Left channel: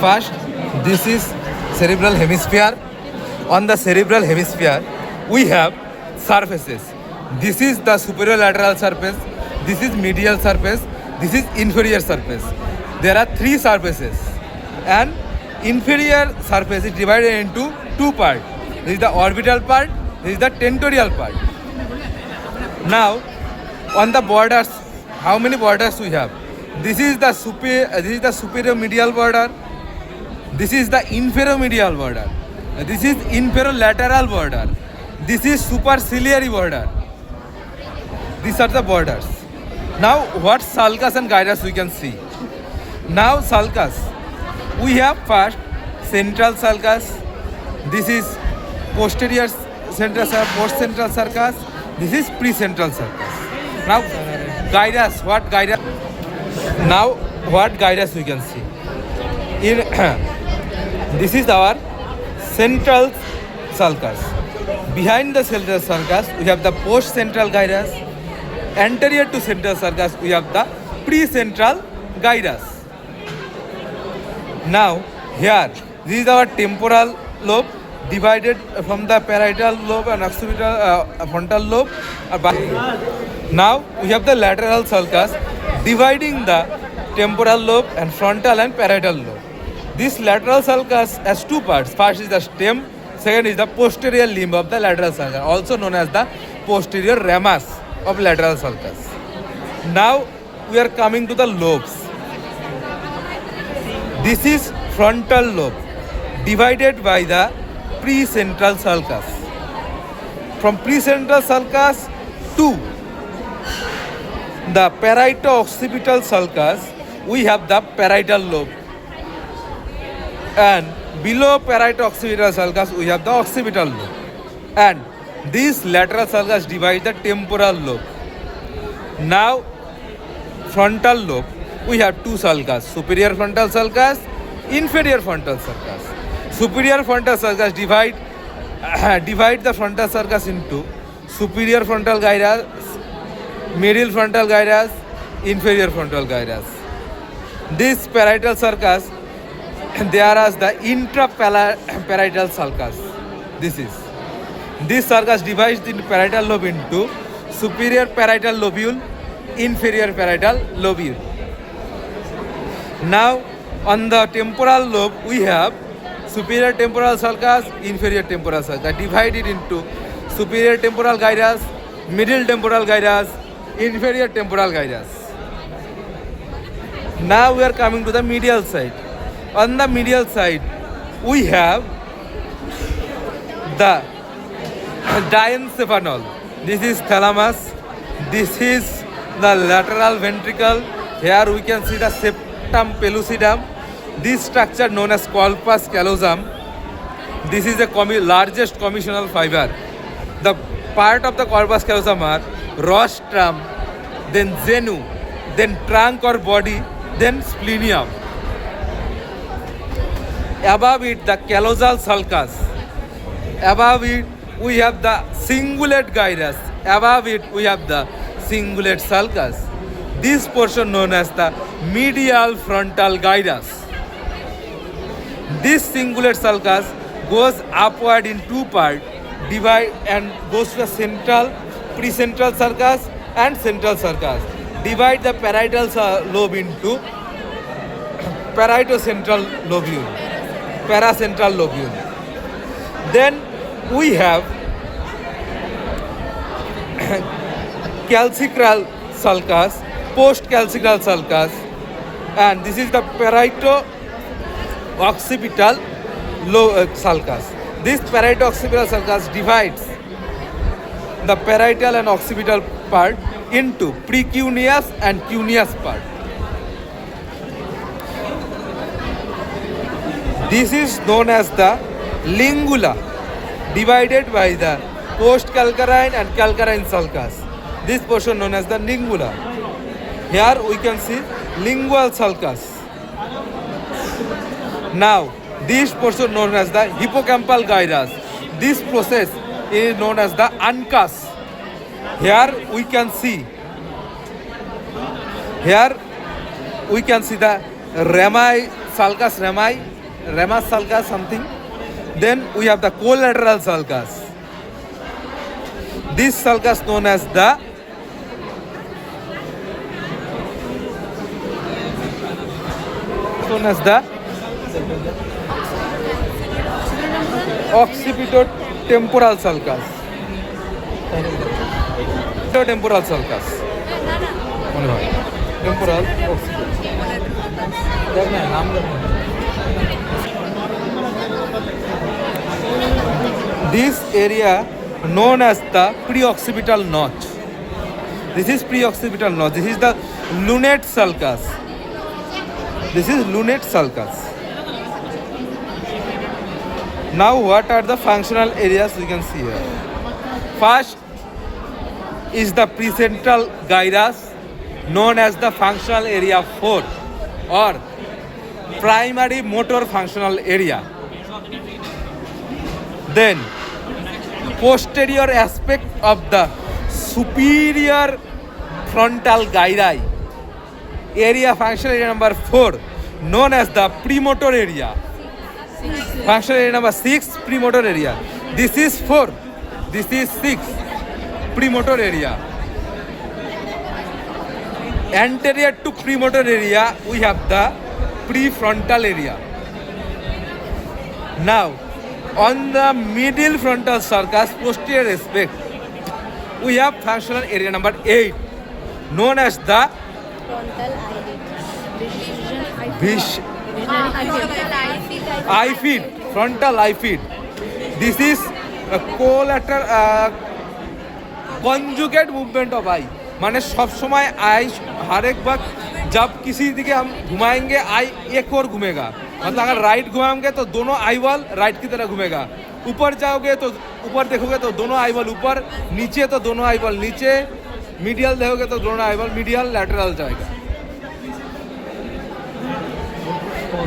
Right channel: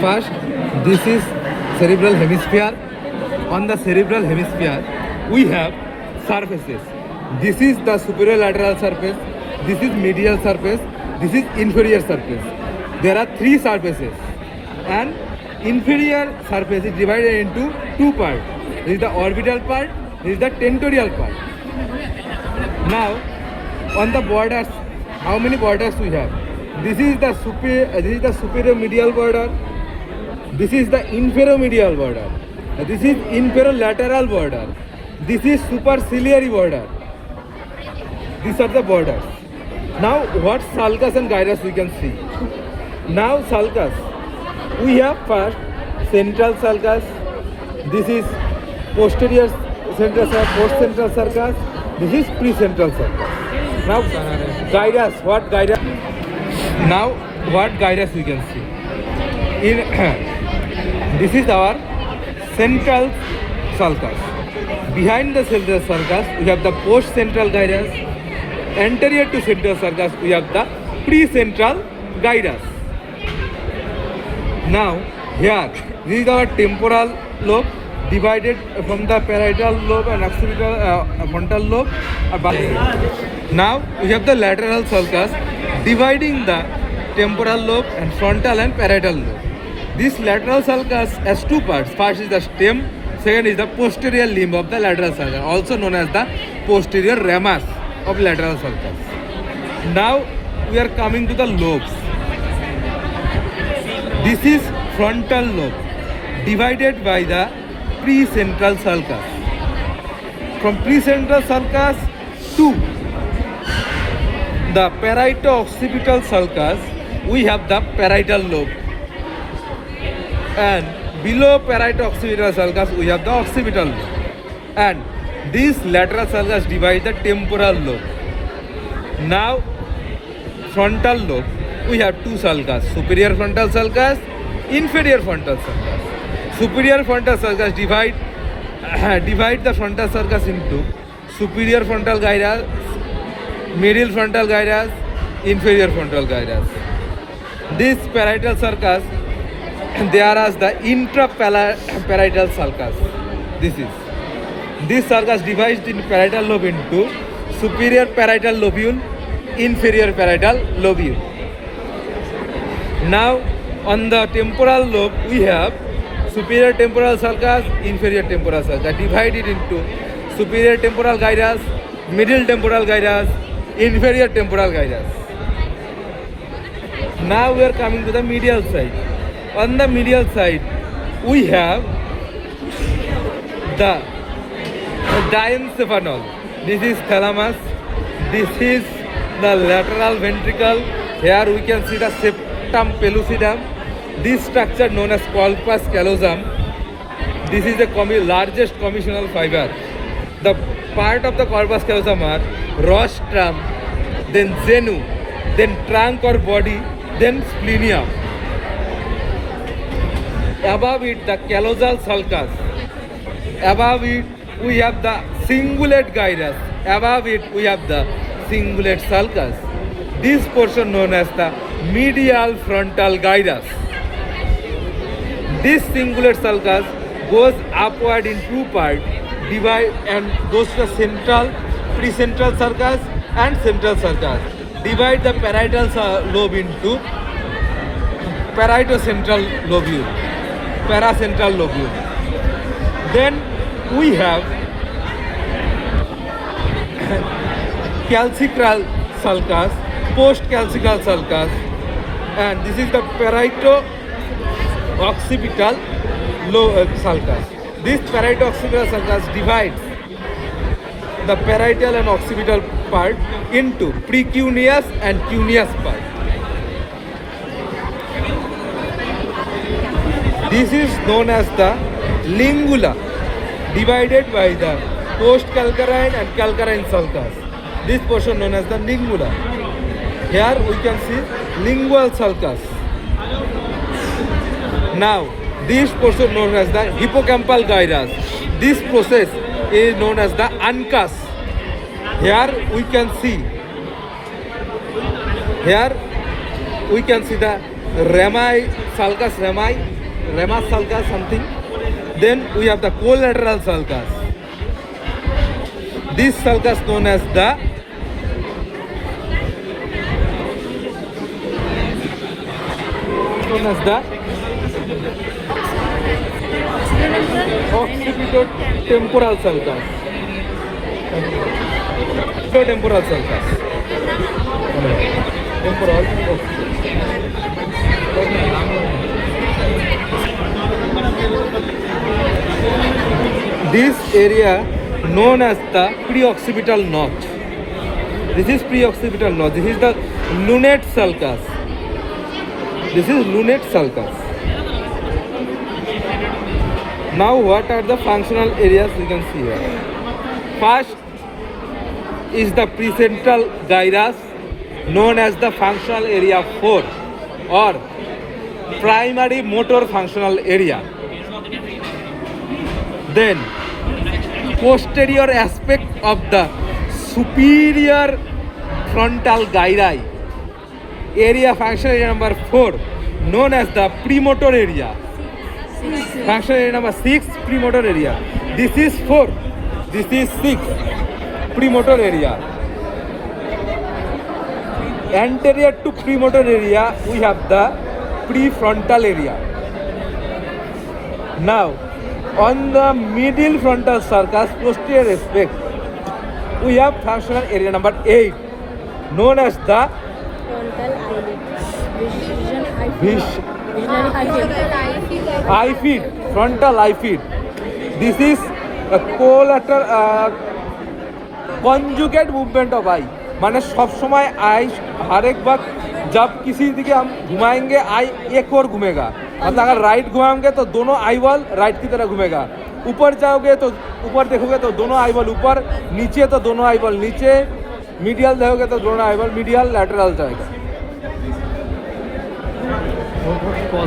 First, this is cerebral hemisphere. On the cerebral hemisphere, we have surfaces. This is the superior lateral surface. This is medial surface. This is inferior surface. There are three surfaces, and inferior surface is divided into two parts. This is the orbital part. This is the tentorial part. Now, on the borders, how many borders we have? This is the superior medial border. This is the inferior medial border. This is inferior lateral border. This is superciliary border. These are the borders. Now, what sulcus and gyrus we can see? Now, sulcus. We have first central sulcus. This is posterior central post central sulcus. This is precentral sulcus. Now, gyrus. What gyrus? Now, what gyrus you can see? In this is our central sulcus. Behind the central sulcus, we have the post-central gyrus. Anterior to central sulcus, we have the precentral gyrus. Now, here, this is our temporal lobe divided from the parietal lobe and occipital frontal lobe. Now, we have the lateral sulcus dividing the temporal lobe and frontal and parietal lobe. This lateral sulcus has two parts. First is the stem, second is the posterior limb of the lateral sulcus, also known as the posterior ramus of lateral sulcus. Now we are coming to the lobes. This is frontal lobe divided by the precentral sulcus. From precentral sulcus to the parieto-occipital sulcus, we have the parietal lobe. And below parieto-occipital sulcus, we have the occipital lobe. And this lateral sulcus divides the temporal lobe. Now, frontal lobe, we have two sulcus, superior frontal sulcus, inferior frontal sulcus. Superior frontal sulcus divide the frontal sulcus into superior frontal gyrus, middle frontal gyrus, inferior frontal gyrus. This parietal sulcus, there is the intraparietal sulcus. This sulcus divides the parietal lobe into superior parietal lobule, inferior parietal lobule. Now, on the temporal lobe, we have superior temporal sulcus, inferior temporal sulcus, divided into superior temporal gyrus, middle temporal gyrus, inferior temporal gyrus. Now we are coming to the medial side. On the medial side, we have the diencephalon. This is thalamus. This is the lateral ventricle. Here we can see the septum pellucidum. This structure known as corpus callosum. This is the largest commissional fiber. The part of the corpus callosum are rostrum, then genu, then trunk or body, then splenium. Above it, the callosal sulcus. Above it, we have the cingulate gyrus. Above it, we have the cingulate sulcus. This portion known as the medial frontal gyrus. This cingulate sulcus goes upward in two parts, divide and goes to the central, precentral sulcus and central sulcus. Divide the parietal lobe into parieto-central lobule, paracentral lobule. Then we have calcical sulcus, post-calcical sulcus, and this is the parieto-occipital sulcus. This parieto-occipital sulcus divides the parietal and occipital part into precuneus and cuneus part. This is known as the lingula, divided by the post-calcarine and calcarine sulcus. This portion known as the lingula. Here we can see lingual sulcus. Now, this portion known as the hippocampal gyrus. This process is known as the uncus. Here we can see the Rami sulcus, Ramus sulcus something. Then we have the collateral sulcus. This sulcus known as the occipitotemporal sulcus. Temporal sulcus. Temporal occiput. This area known as the preoccipital notch. This is preoccipital notch. This is the lunate sulcus. This is lunate sulcus. Now what are the functional areas we can see here? First is the precentral gyrus known as the functional area 4 or primary motor functional area. Then posterior aspect of the superior frontal gyri, area functional area number 4 known as the premotor area. Functional area number 6 premotor area. This is 4. This is 6 premotor area. Anterior to premotor area we have the prefrontal area. Now on the middle frontal sulcus posterior aspect we have functional area number 8 known as the eye feed, frontal eye feed. This is a collateral conjugate movement of eye. माने सब समय आई हर एक बार जब किसी दिखे हम घुमाएंगे आई एक और घूमेगा, मतलब अगर राइट घुमाएंगे तो दोनों आई बॉल राइट की तरह घूमेगा, ऊपर जाओगे तो ऊपर देखोगे तो दोनों आई बॉल ऊपर, नीचे तो दोनों आई बॉल नीचे, मीडियल देखोगे तो दोनों आई बॉल मीडियल लैटरल जाएगा.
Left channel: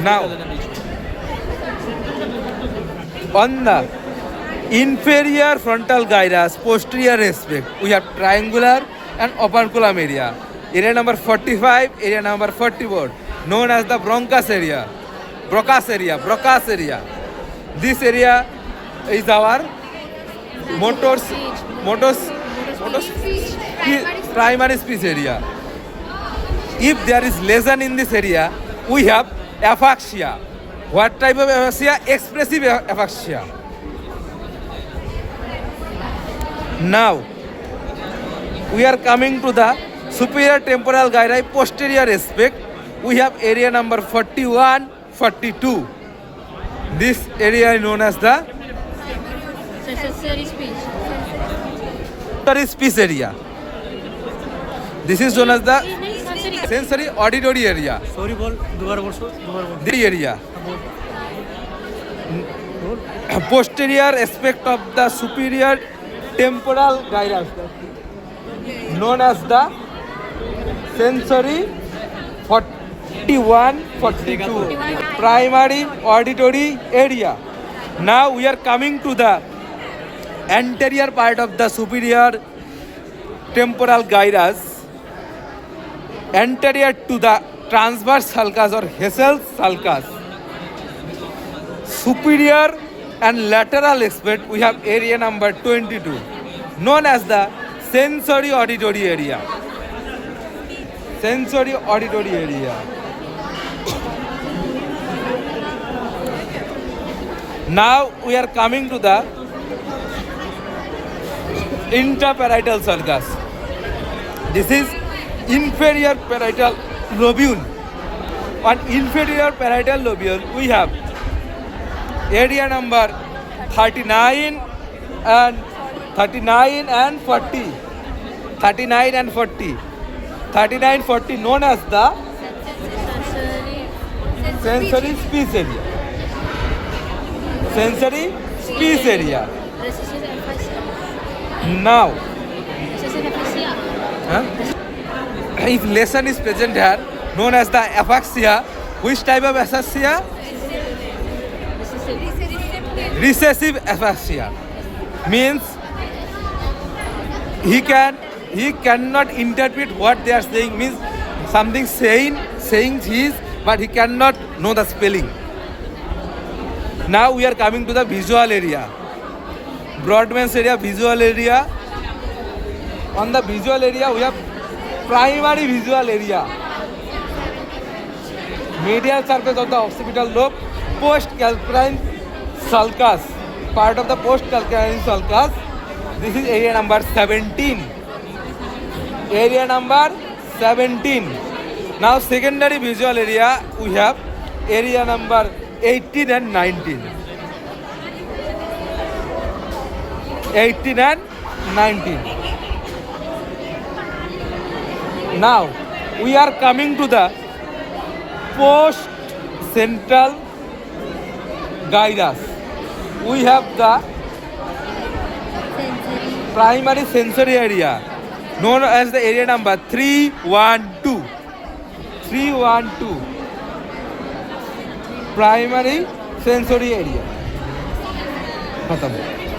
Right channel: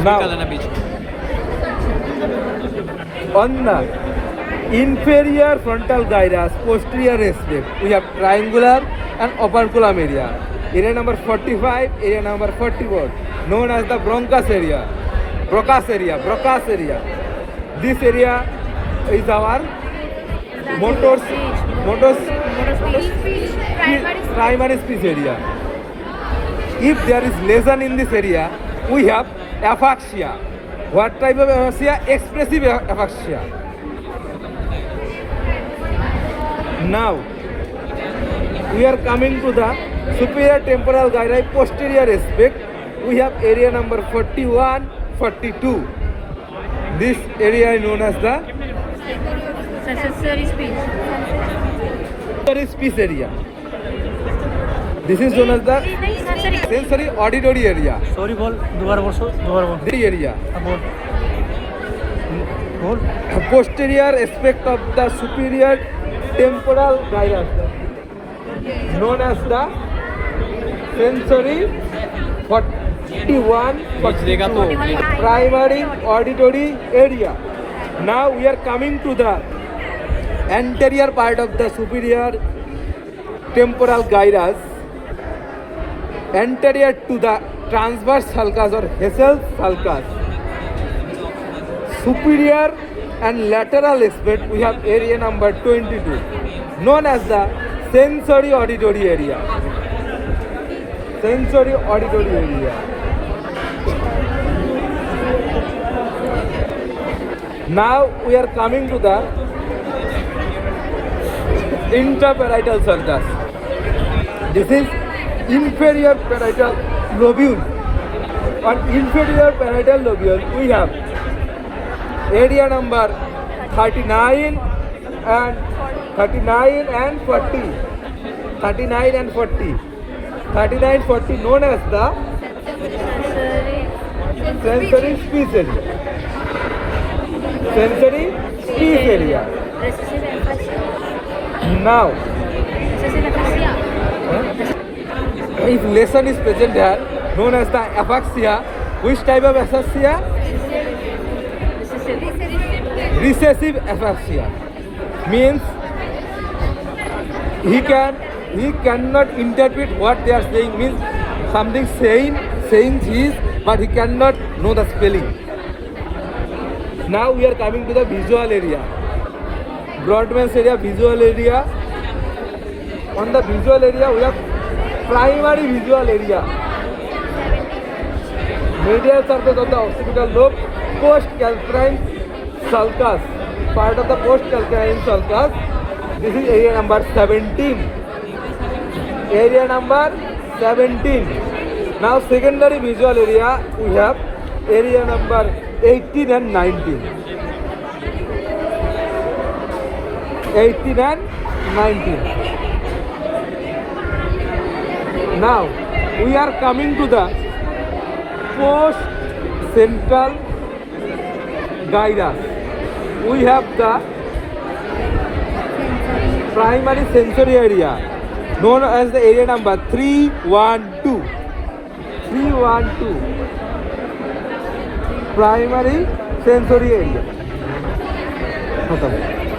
Now, on the inferior frontal gyrus posterior aspect we have triangular and operculum area. Area number 45, area number 44 known as the Broncus area. This area is our primary speech area. If there is lesion in this area, we have aphasia. What type of aphasia? Expressive aphasia. Now we are coming to the superior temporal gyri posterior aspect. We have area number 41, 42. This area is known as the sensory speech area. This is known as the sensory auditory area. Sorry, bol. दोबारा बोल. The area. बोल. Posterior aspect of the superior temporal gyrus known as the sensory 41, 42 primary auditory area. Now we are coming to the anterior part of the superior temporal gyrus, anterior to the transverse sulcus or Hessel's sulcus. Superior and lateral aspect we have area number 22 known as the sensory auditory area. Sensory auditory area. Now we are coming to the interparietal sulcus. This is inferior parietal lobule. On inferior parietal lobule we have area number 39 and 40. 39, 40 known as the sensory speech area. Sensory speech area. Now, if lesion is present here, known as the aphasia, which type of aphasia? Recessive aphasia. Means he cannot interpret what they are saying, means something saying his but he cannot know the spelling. Now we are coming to the visual area. Broadband area, visual area. On the visual area, we have primary visual area. Medial surface of the occipital lobe, post-calcarine sulcus. Part of the post-calcarine sulcus. This is area number 17. Area number 17. Now secondary visual area, we have area number 18 and 19. 18 and 19. Now we are coming to the post-central gyrus. We have the Sensory. primary sensory area known as the area number 312. 312. Primary sensory area. खत्म